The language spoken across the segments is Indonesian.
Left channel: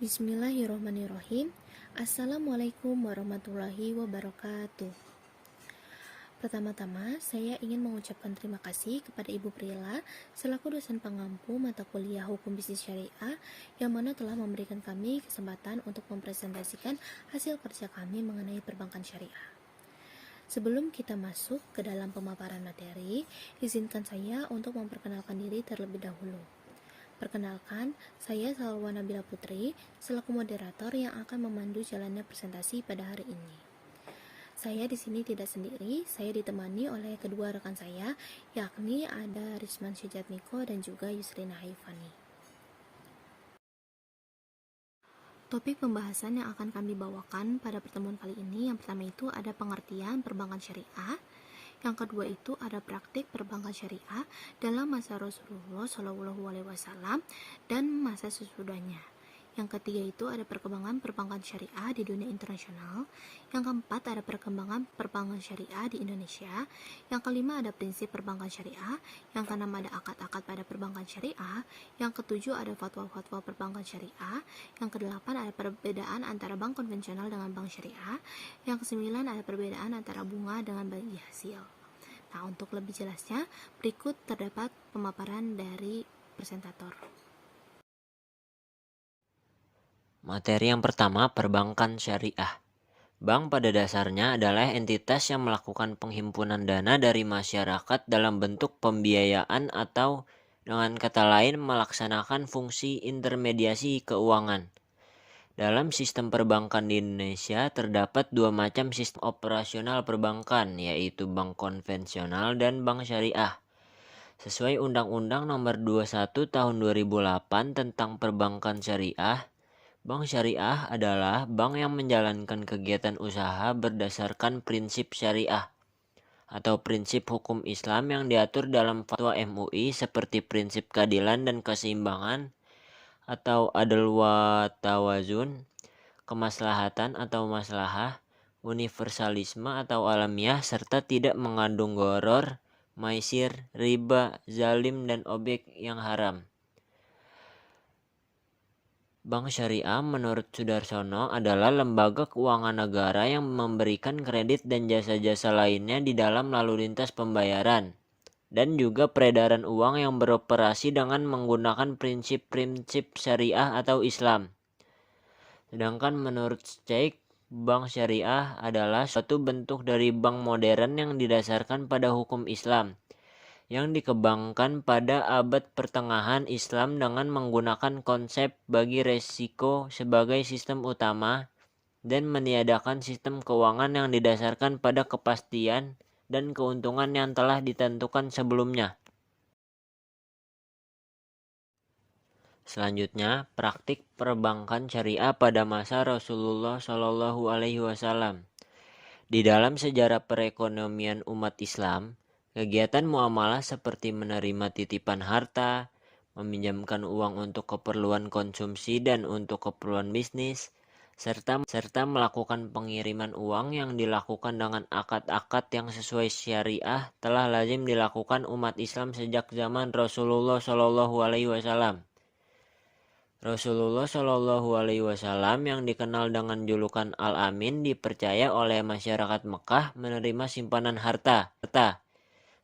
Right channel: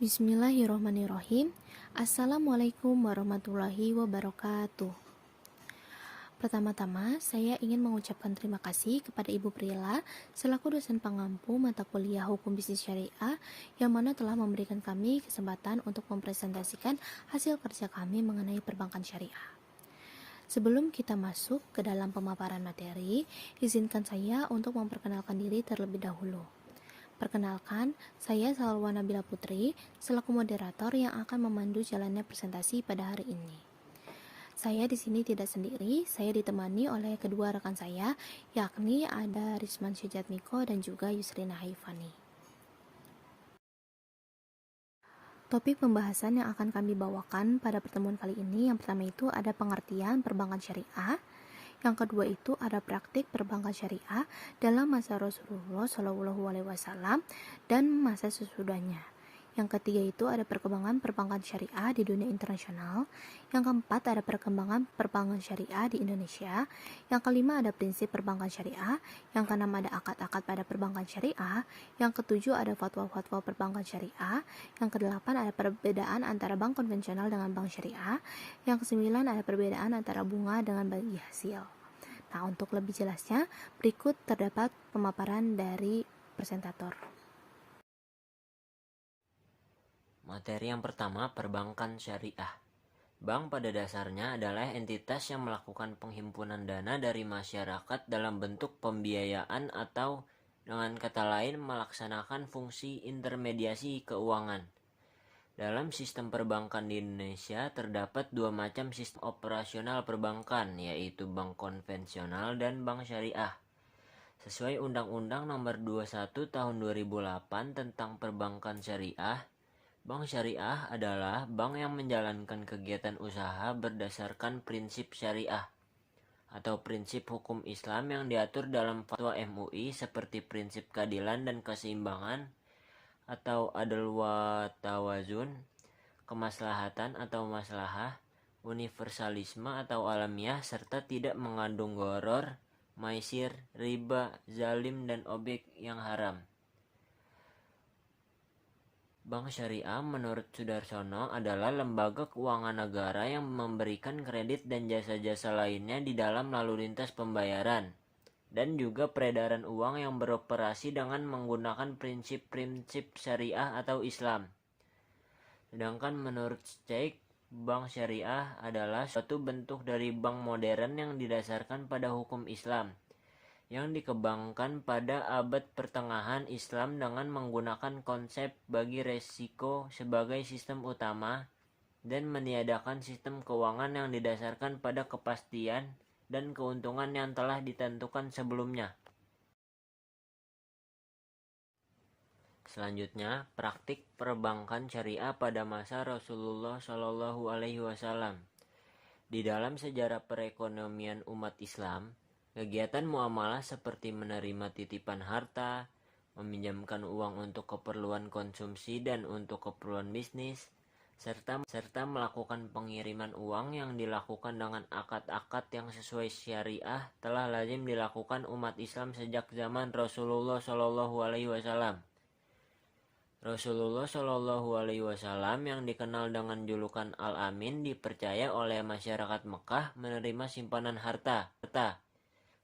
Bismillahirrahmanirrahim. Assalamualaikum warahmatullahi wabarakatuh. Pertama-tama, saya ingin mengucapkan terima kasih kepada Ibu Prila selaku dosen pengampu mata kuliah Hukum Bisnis Syariah yang mana telah memberikan kami kesempatan untuk mempresentasikan hasil kerja kami mengenai perbankan syariah. Sebelum kita masuk ke dalam pemaparan materi, izinkan saya untuk memperkenalkan diri terlebih dahulu. Perkenalkan, saya Salwa Nabila Putri, selaku moderator yang akan memandu jalannya presentasi pada hari ini. Saya di sini tidak sendiri, saya ditemani oleh kedua rekan saya, yakni ada Risman Sujatmiko dan juga Yusrina Haifani. Topik pembahasan yang akan kami bawakan pada pertemuan kali ini, yang pertama itu ada pengertian perbankan syariah. Yang kedua itu ada praktik perbankan syariah dalam masa Rasulullah SAW dan masa sesudahnya. Yang ketiga itu ada perkembangan perbankan syariah di dunia internasional. Yang keempat ada perkembangan perbankan syariah di Indonesia. Yang kelima ada prinsip perbankan syariah. Yang keenam ada akad-akad pada perbankan syariah. Yang ketujuh ada fatwa-fatwa perbankan syariah. Yang kedelapan ada perbedaan antara bank konvensional dengan bank syariah. Yang kesembilan ada perbedaan antara bunga dengan bagi hasil. Nah, untuk lebih jelasnya, berikut terdapat pemaparan dari presentator. Materi yang pertama, perbankan syariah. Bank pada dasarnya adalah entitas yang melakukan penghimpunan dana dari masyarakat dalam bentuk pembiayaan atau dengan kata lain melaksanakan fungsi intermediasi keuangan. Dalam sistem perbankan di Indonesia terdapat dua macam sistem operasional perbankan, yaitu bank konvensional dan bank syariah. Sesuai Undang-Undang Nomor 21 Tahun 2008 tentang Perbankan Syariah, bank syariah adalah bank yang menjalankan kegiatan usaha berdasarkan prinsip syariah atau prinsip hukum Islam yang diatur dalam fatwa MUI seperti prinsip keadilan dan keseimbangan atau adl wa tawazun, kemaslahatan atau maslahah, universalisme atau alamiah, serta tidak mengandung gharar, maisir, riba, zalim, dan objek yang haram. Bank Syariah menurut Sudarsono adalah lembaga keuangan negara yang memberikan kredit dan jasa-jasa lainnya di dalam lalu lintas pembayaran dan juga peredaran uang yang beroperasi dengan menggunakan prinsip-prinsip syariah atau Islam. Sedangkan menurut Sheikh, bank syariah adalah suatu bentuk dari bank modern yang didasarkan pada hukum Islam yang dikembangkan pada abad pertengahan Islam dengan menggunakan konsep bagi resiko sebagai sistem utama dan meniadakan sistem keuangan yang didasarkan pada kepastian dan keuntungan yang telah ditentukan sebelumnya. Selanjutnya, praktik perbankan syariah pada masa Rasulullah SAW. Di dalam sejarah perekonomian umat Islam, kegiatan muamalah seperti menerima titipan harta, meminjamkan uang untuk keperluan konsumsi dan untuk keperluan bisnis, serta melakukan pengiriman uang yang dilakukan dengan akad-akad yang sesuai syariah telah lazim dilakukan umat Islam sejak zaman Rasulullah SAW. Rasulullah SAW yang dikenal dengan julukan Al-Amin dipercaya oleh masyarakat Mekah menerima simpanan harta.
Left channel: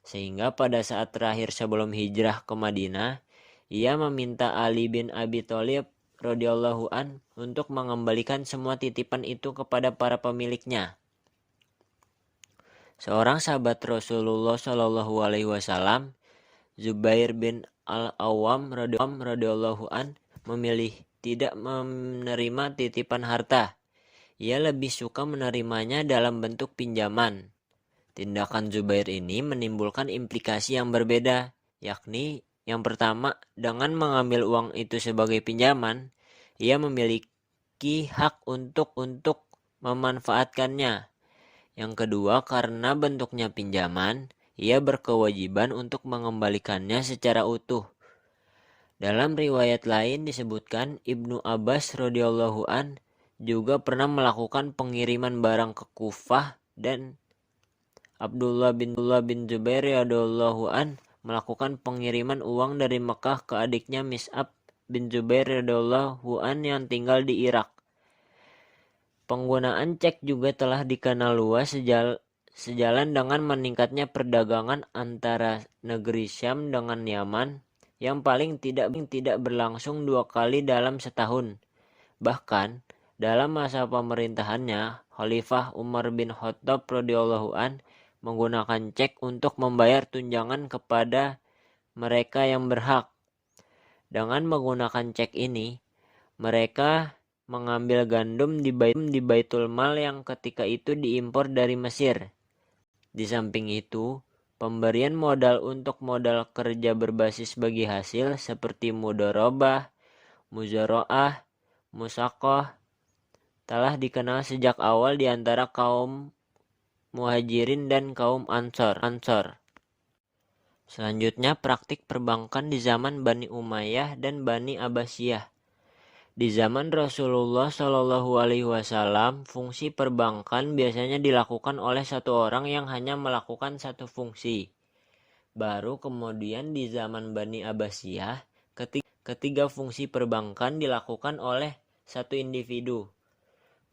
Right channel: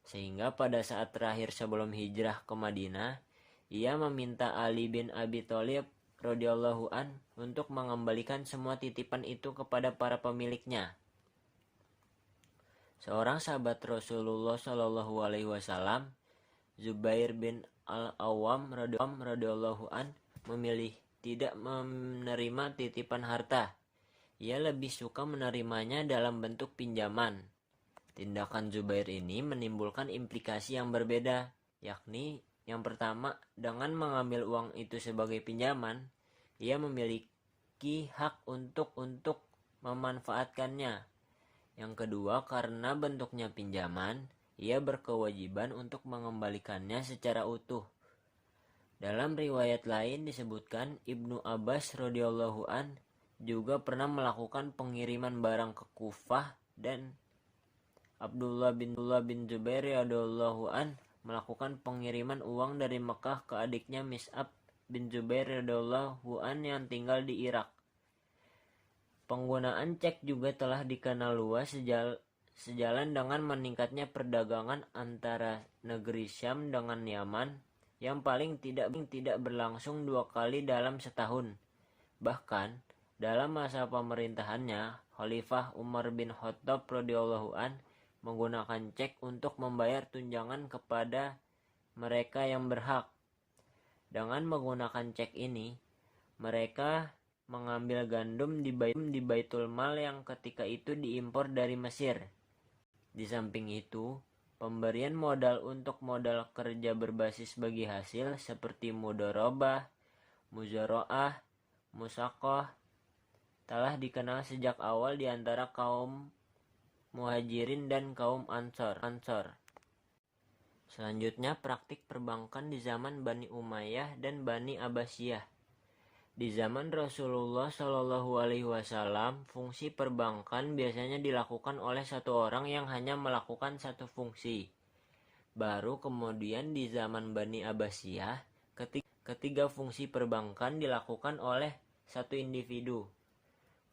Sehingga pada saat terakhir sebelum hijrah ke Madinah, ia meminta Ali bin Abi Thalib radhiyallahu an untuk mengembalikan semua titipan itu kepada para pemiliknya. Seorang sahabat Rasulullah SAW, Zubair bin Al-Awwam radhiyallahu an, memilih tidak menerima titipan harta. Ia lebih suka menerimanya dalam bentuk pinjaman. Tindakan Zubair ini menimbulkan implikasi yang berbeda, yakni yang pertama, dengan mengambil uang itu sebagai pinjaman, ia memiliki hak untuk memanfaatkannya. Yang kedua, karena bentuknya pinjaman, ia berkewajiban untuk mengembalikannya secara utuh. Dalam riwayat lain disebutkan Ibnu Abbas radhiyallahu an juga pernah melakukan pengiriman barang ke Kufah dan Abdullah bin Zubair radhiyallahu an melakukan pengiriman uang dari Mekah ke adiknya Mis'ab bin Zubair radhiyallahu an yang tinggal di Irak. Penggunaan cek juga telah dikenal luas sejalan dengan meningkatnya perdagangan antara negeri Syam dengan Yaman yang paling tidak berlangsung 2 kali dalam setahun. Bahkan dalam masa pemerintahannya, Khalifah Umar bin Khattab radhiyallahu an menggunakan cek untuk membayar tunjangan kepada mereka yang berhak. Dengan menggunakan cek ini, mereka mengambil gandum di Baitul Mal yang ketika itu diimpor dari Mesir. Di samping itu, pemberian modal untuk modal kerja berbasis bagi hasil seperti mudharabah, muzaraah, musaqah telah dikenal sejak awal di antara kaum Muhajirin dan kaum Ansor. Selanjutnya, praktik perbankan di zaman Bani Umayyah dan Bani Abbasiyah. Di zaman Rasulullah Shallallahu Alaihi Wasallam, fungsi perbankan biasanya dilakukan oleh satu orang yang hanya melakukan satu fungsi. Baru kemudian di zaman Bani Abbasiyah, ketiga fungsi perbankan dilakukan oleh satu individu.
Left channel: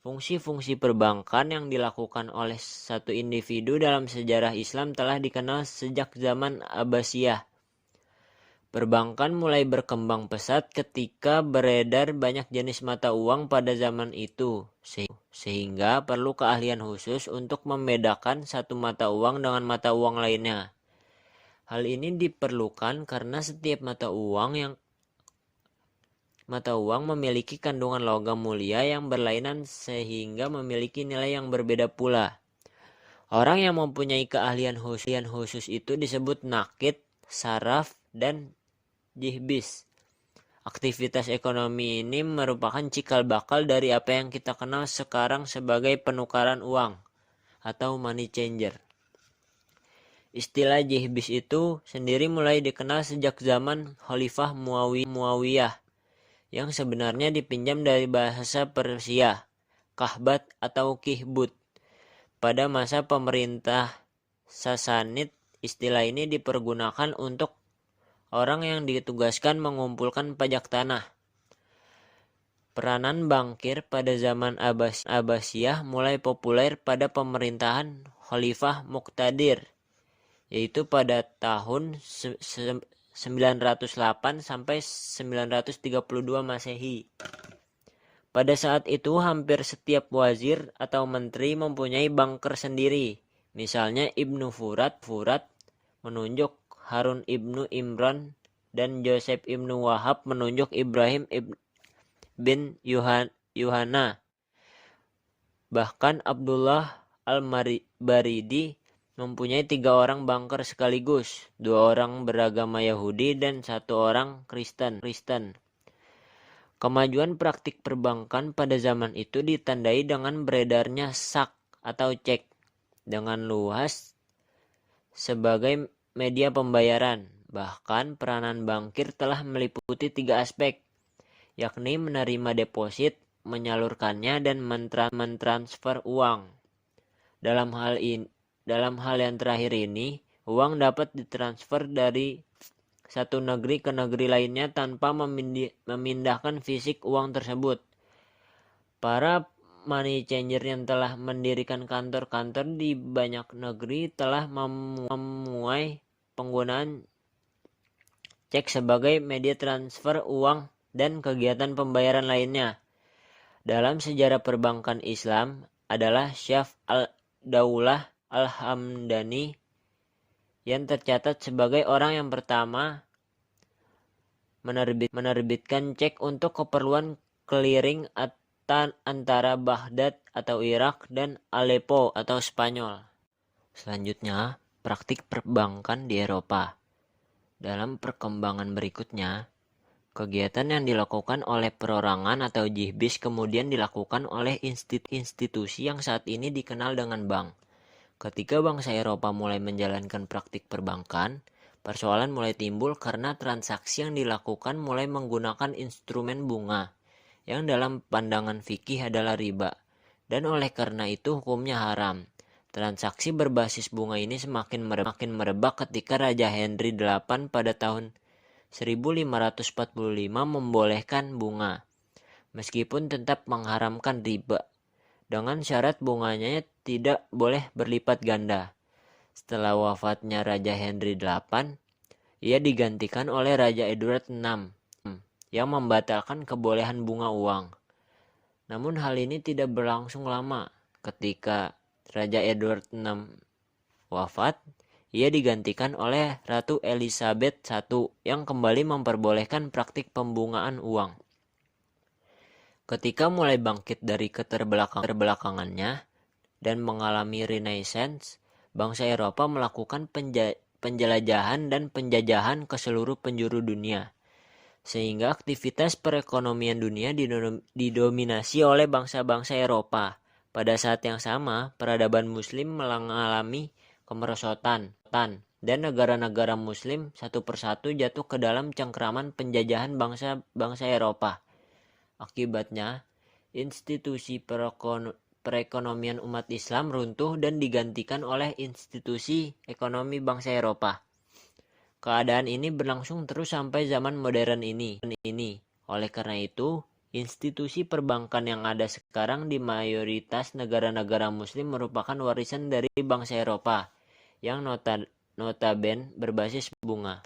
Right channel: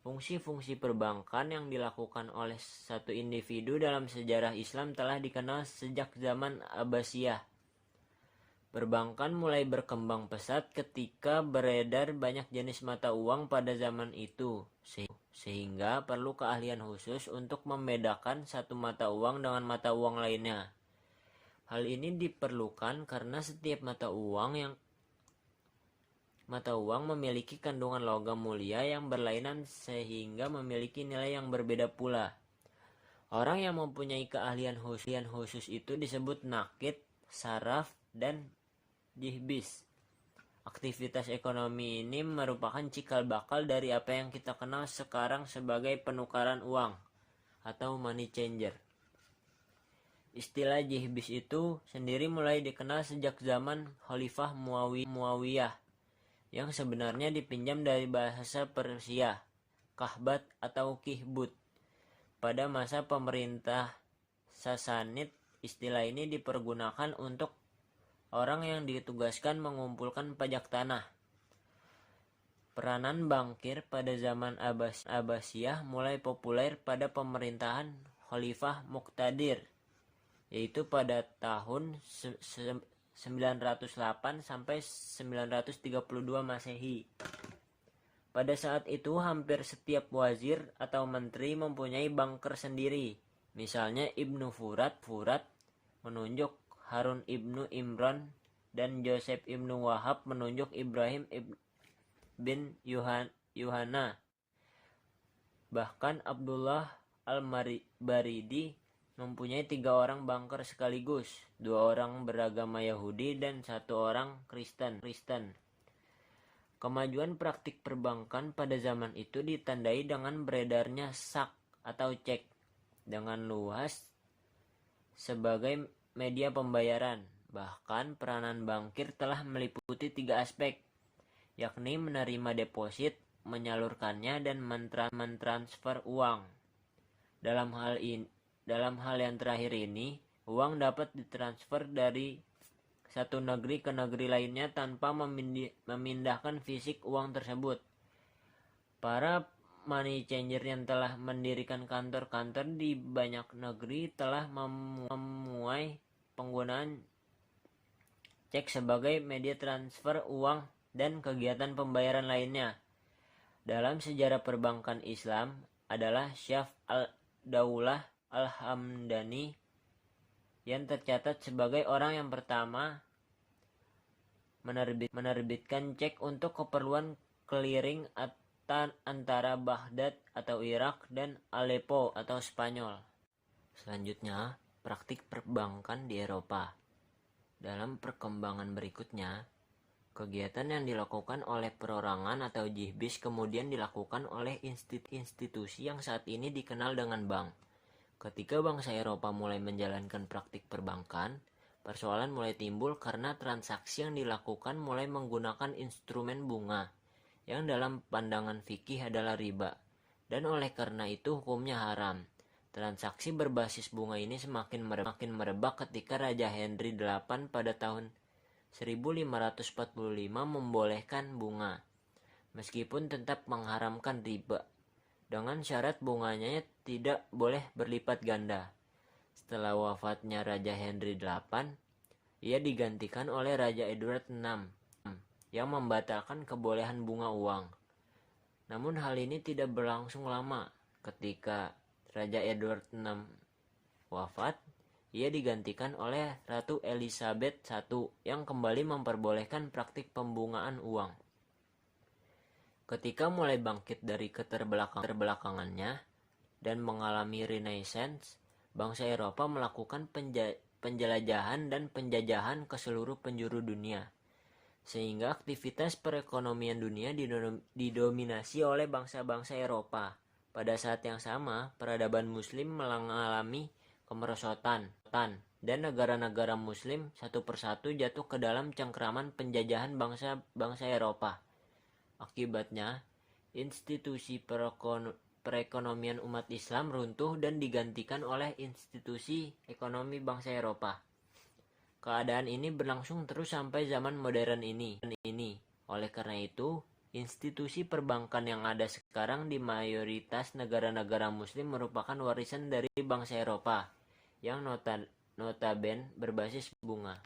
Fungsi-fungsi perbankan yang dilakukan oleh satu individu dalam sejarah Islam telah dikenal sejak zaman Abbasiyah. Perbankan mulai berkembang pesat ketika beredar banyak jenis mata uang pada zaman itu, sehingga perlu keahlian khusus untuk membedakan satu mata uang dengan mata uang lainnya. Hal ini diperlukan karena setiap mata uang memiliki kandungan logam mulia yang berlainan sehingga memiliki nilai yang berbeda pula. Orang yang mempunyai keahlian khusus itu disebut nakid, saraf, dan jihbis. Aktivitas ekonomi ini merupakan cikal bakal dari apa yang kita kenal sekarang sebagai penukaran uang atau money changer. Istilah jihbis itu sendiri mulai dikenal sejak zaman Khalifah Muawiyah yang sebenarnya dipinjam dari bahasa Persia, kahbat atau kihbut. Pada masa pemerintah Sasanid, istilah ini dipergunakan untuk orang yang ditugaskan mengumpulkan pajak tanah. Peranan bankir pada zaman Abbasiyah mulai populer pada pemerintahan Khalifah Muqtadir, yaitu pada tahun 908 sampai 932 Masehi. Pada saat itu hampir setiap wazir atau menteri mempunyai banker sendiri. Misalnya Ibnu Furat menunjuk Harun ibnu Imran dan Joseph ibnu Wahab menunjuk Ibrahim bin Yuhana. Bahkan Abdullah al-Baridi mempunyai 3 orang banker sekaligus, 2 orang beragama Yahudi dan 1 orang Kristen. Kemajuan praktik perbankan pada zaman itu ditandai dengan beredarnya sak atau cek dengan luas sebagai media pembayaran. Bahkan peranan bankir telah meliputi 3 aspek, yakni menerima deposit, menyalurkannya, dan mentransfer uang. Dalam hal yang terakhir ini, uang dapat ditransfer dari satu negeri ke negeri lainnya tanpa memindahkan fisik uang tersebut. Para money changer yang telah mendirikan kantor-kantor di banyak negeri telah memuai penggunaan cek sebagai media transfer uang dan kegiatan pembayaran lainnya. Dalam sejarah perbankan Islam adalah Syaf al-Daulah al-Hamdani yang tercatat sebagai orang yang pertama menerbitkan cek untuk keperluan clearing antara Baghdad atau Irak dan Aleppo atau Spanyol. Selanjutnya, praktik perbankan di Eropa. Dalam perkembangan berikutnya, kegiatan yang dilakukan oleh perorangan atau jihbis kemudian dilakukan oleh institusi yang saat ini dikenal dengan bank. Ketika bangsa Eropa mulai menjalankan praktik perbankan, persoalan mulai timbul karena transaksi yang dilakukan mulai menggunakan instrumen bunga, yang dalam pandangan fikih adalah riba, dan oleh karena itu hukumnya haram. Transaksi berbasis bunga ini semakin merebak ketika Raja Henry VIII pada tahun 1545 membolehkan bunga, meskipun tetap mengharamkan riba, dengan syarat bunganya tidak boleh berlipat ganda. Setelah wafatnya Raja Henry VIII, ia digantikan oleh Raja Edward VI yang membatalkan kebolehan bunga uang. Namun hal ini tidak berlangsung lama. Ketika Raja Edward VI wafat, ia digantikan oleh Ratu Elizabeth I yang kembali memperbolehkan praktik pembungaan uang. Ketika mulai bangkit dari keterbelakangannya dan mengalami Renaissance, bangsa Eropa melakukan penjelajahan dan penjajahan ke seluruh penjuru dunia, sehingga aktivitas perekonomian dunia didominasi oleh bangsa-bangsa Eropa. Pada saat yang sama, peradaban Muslim mengalami kemerosotan, dan negara-negara Muslim satu persatu jatuh ke dalam cengkraman penjajahan bangsa-bangsa Eropa. Akibatnya, institusi perekonomian umat Islam runtuh dan digantikan oleh institusi ekonomi bangsa Eropa. Keadaan ini berlangsung terus sampai zaman modern ini. Oleh karena itu, institusi perbankan yang ada sekarang di mayoritas negara-negara Muslim merupakan warisan dari bangsa Eropa yang notabene berbasis bunga.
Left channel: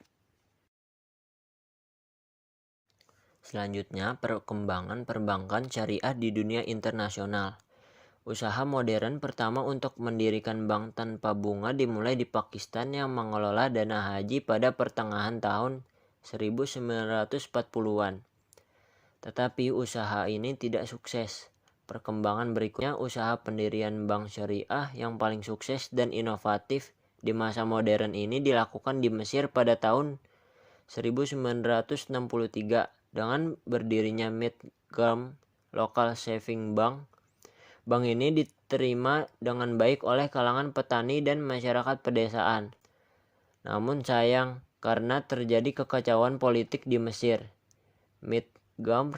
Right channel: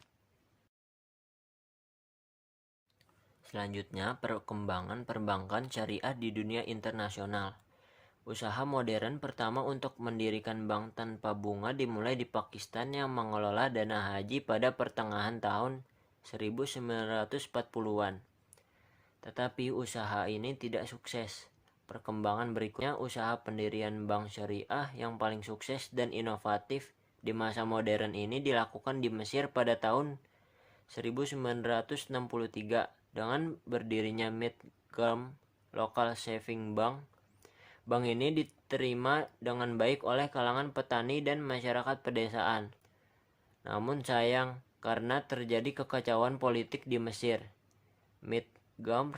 Selanjutnya, perkembangan perbankan syariah di dunia internasional. Usaha modern pertama untuk mendirikan bank tanpa bunga dimulai di Pakistan yang mengelola dana haji pada pertengahan tahun 1940-an. Tetapi usaha ini tidak sukses. Perkembangan berikutnya, usaha pendirian bank syariah yang paling sukses dan inovatif di masa modern ini dilakukan di Mesir pada tahun 1963 dengan berdirinya Midgam Local Saving Bank. Bank ini diterima dengan baik oleh kalangan petani dan masyarakat pedesaan. Namun sayang, karena terjadi kekacauan politik di Mesir, Midgam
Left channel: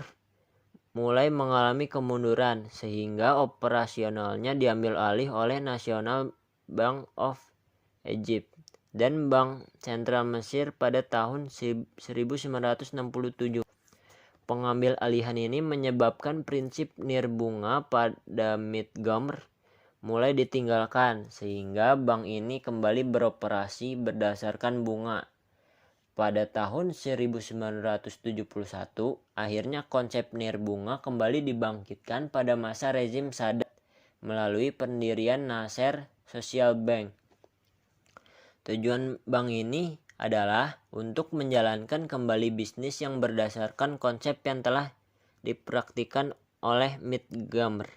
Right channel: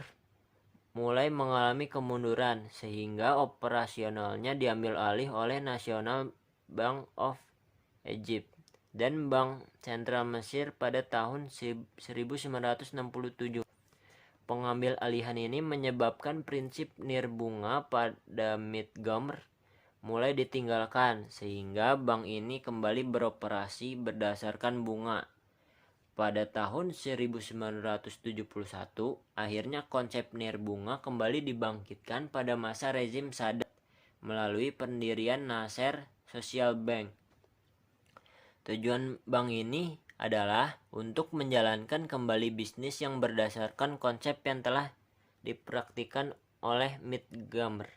mulai mengalami kemunduran sehingga operasionalnya diambil alih oleh National Bank of Egypt dan Bank Sentral Mesir pada tahun 1967. Pengambil alihan ini menyebabkan prinsip nirbunga pada Midgam mulai ditinggalkan, sehingga bank ini kembali beroperasi berdasarkan bunga. Pada tahun 1971, akhirnya konsep nirbunga kembali dibangkitkan pada masa rezim Sadat melalui pendirian Nasser Social Bank. Tujuan bank ini adalah untuk menjalankan kembali bisnis yang berdasarkan konsep yang telah dipraktikkan oleh Midgam.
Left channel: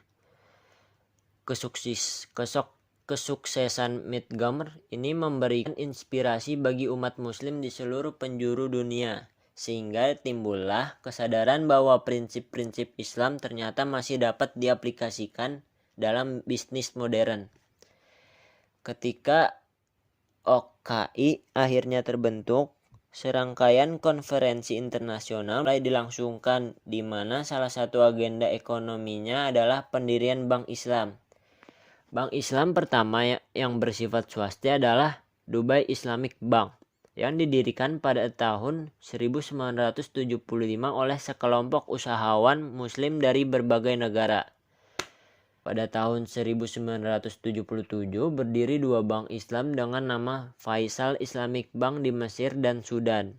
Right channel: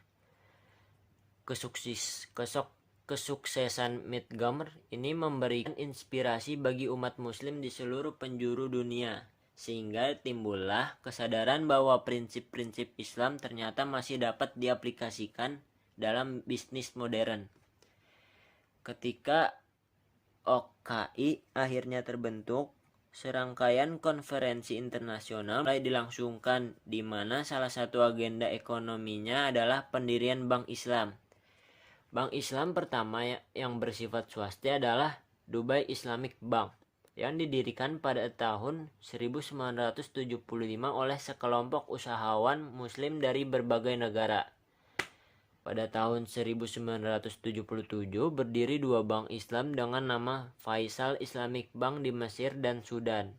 Kesuksesan Midgam ini memberikan inspirasi bagi umat muslim di seluruh penjuru dunia, sehingga timbullah kesadaran bahwa prinsip-prinsip Islam ternyata masih dapat diaplikasikan dalam bisnis modern. Ketika OKI akhirnya terbentuk, serangkaian konferensi internasional mulai dilangsungkan, di mana salah satu agenda ekonominya adalah pendirian Bank Islam. Bank Islam pertama yang bersifat swasta adalah Dubai Islamic Bank, yang didirikan pada tahun 1975 oleh sekelompok usahawan muslim dari berbagai negara. Pada tahun 1977 berdiri dua bank Islam dengan nama Faisal Islamic Bank di Mesir dan Sudan.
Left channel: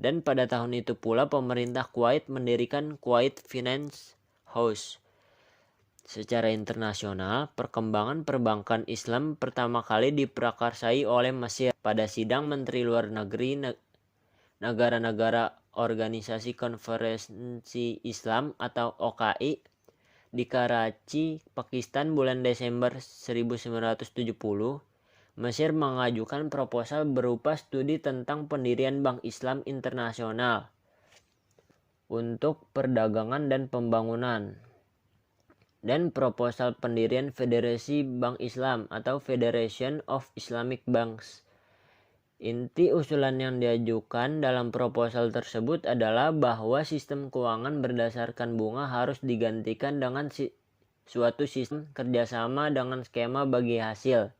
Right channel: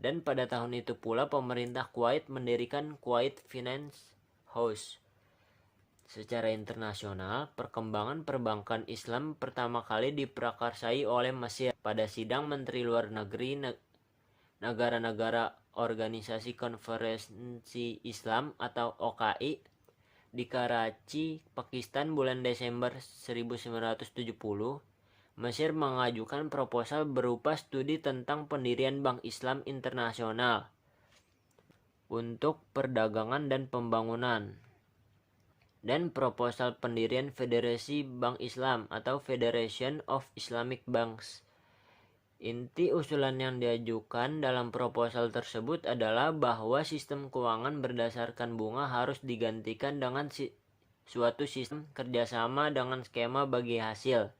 Dan pada tahun itu pula pemerintah Kuwait mendirikan Kuwait Finance House. Secara internasional, perkembangan perbankan Islam pertama kali diprakarsai oleh Mesir pada sidang Menteri Luar Negeri negara-negara Organisasi Konferensi Islam atau OKI di Karachi, Pakistan bulan Desember 1970. Mesir mengajukan proposal berupa studi tentang pendirian Bank Islam Internasional untuk perdagangan dan pembangunan, dan proposal pendirian Federasi Bank Islam atau Federation of Islamic Banks. Inti usulan yang diajukan dalam proposal tersebut adalah bahwa sistem keuangan berdasarkan bunga harus digantikan dengan suatu sistem kerjasama dengan skema bagi hasil.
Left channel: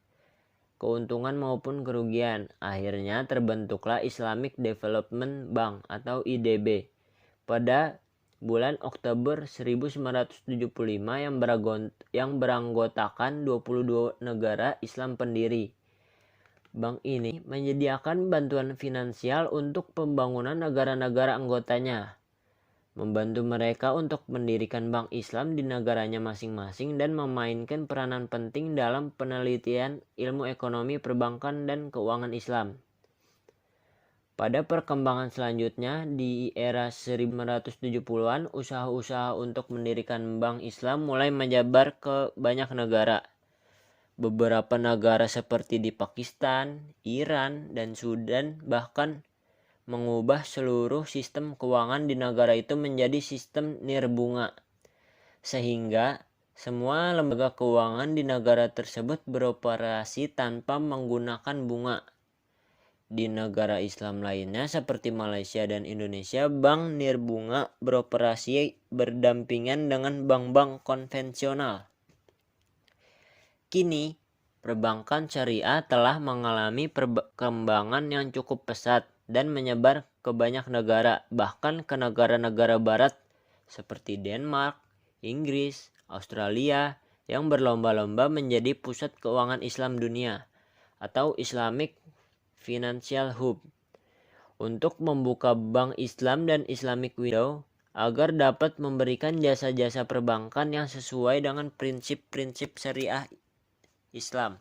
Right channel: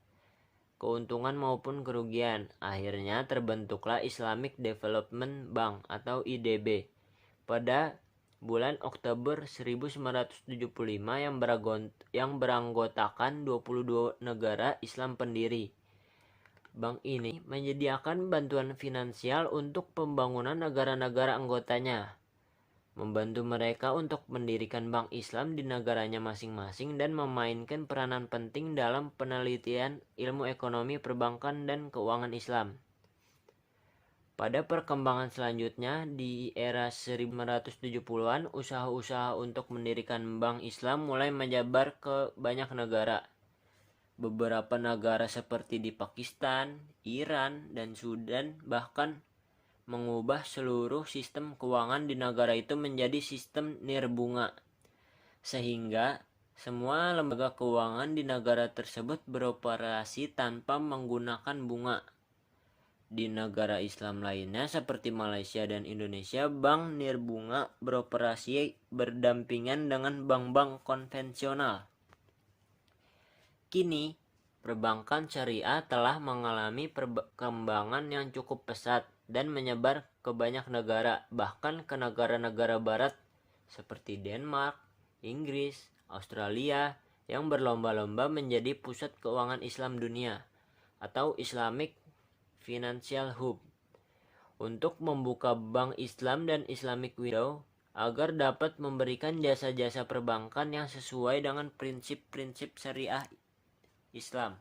keuntungan maupun kerugian. Akhirnya terbentuklah Islamic Development Bank atau IDB pada bulan Oktober 1975 yang beranggotakan 22 negara Islam pendiri. Bank ini menyediakan bantuan finansial untuk pembangunan negara-negara anggotanya, membantu mereka untuk mendirikan bank Islam di negaranya masing-masing dan memainkan peranan penting dalam penelitian ilmu ekonomi perbankan dan keuangan Islam. Pada perkembangan selanjutnya, di era 1970-an, usaha-usaha untuk mendirikan bank Islam mulai menyebar ke banyak negara. Beberapa negara seperti di Pakistan, Iran, dan Sudan bahkan mengubah seluruh sistem keuangan di negara itu menjadi sistem nirbunga, sehingga semua lembaga keuangan di negara tersebut beroperasi tanpa menggunakan bunga. Di negara Islam lainnya seperti Malaysia dan Indonesia, bank nirbunga beroperasi berdampingan dengan bank-bank konvensional. Kini, perbankan syariah telah mengalami perkembangan yang cukup pesat dan menyebar ke banyak negara, bahkan ke negara-negara barat seperti Denmark, Inggris, Australia, yang berlomba-lomba menjadi pusat keuangan Islam dunia atau Islamic Financial Hub, untuk membuka bank Islam dan Islamic Window agar dapat memberikan jasa-jasa perbankan yang sesuai dengan prinsip-prinsip syariah Islam.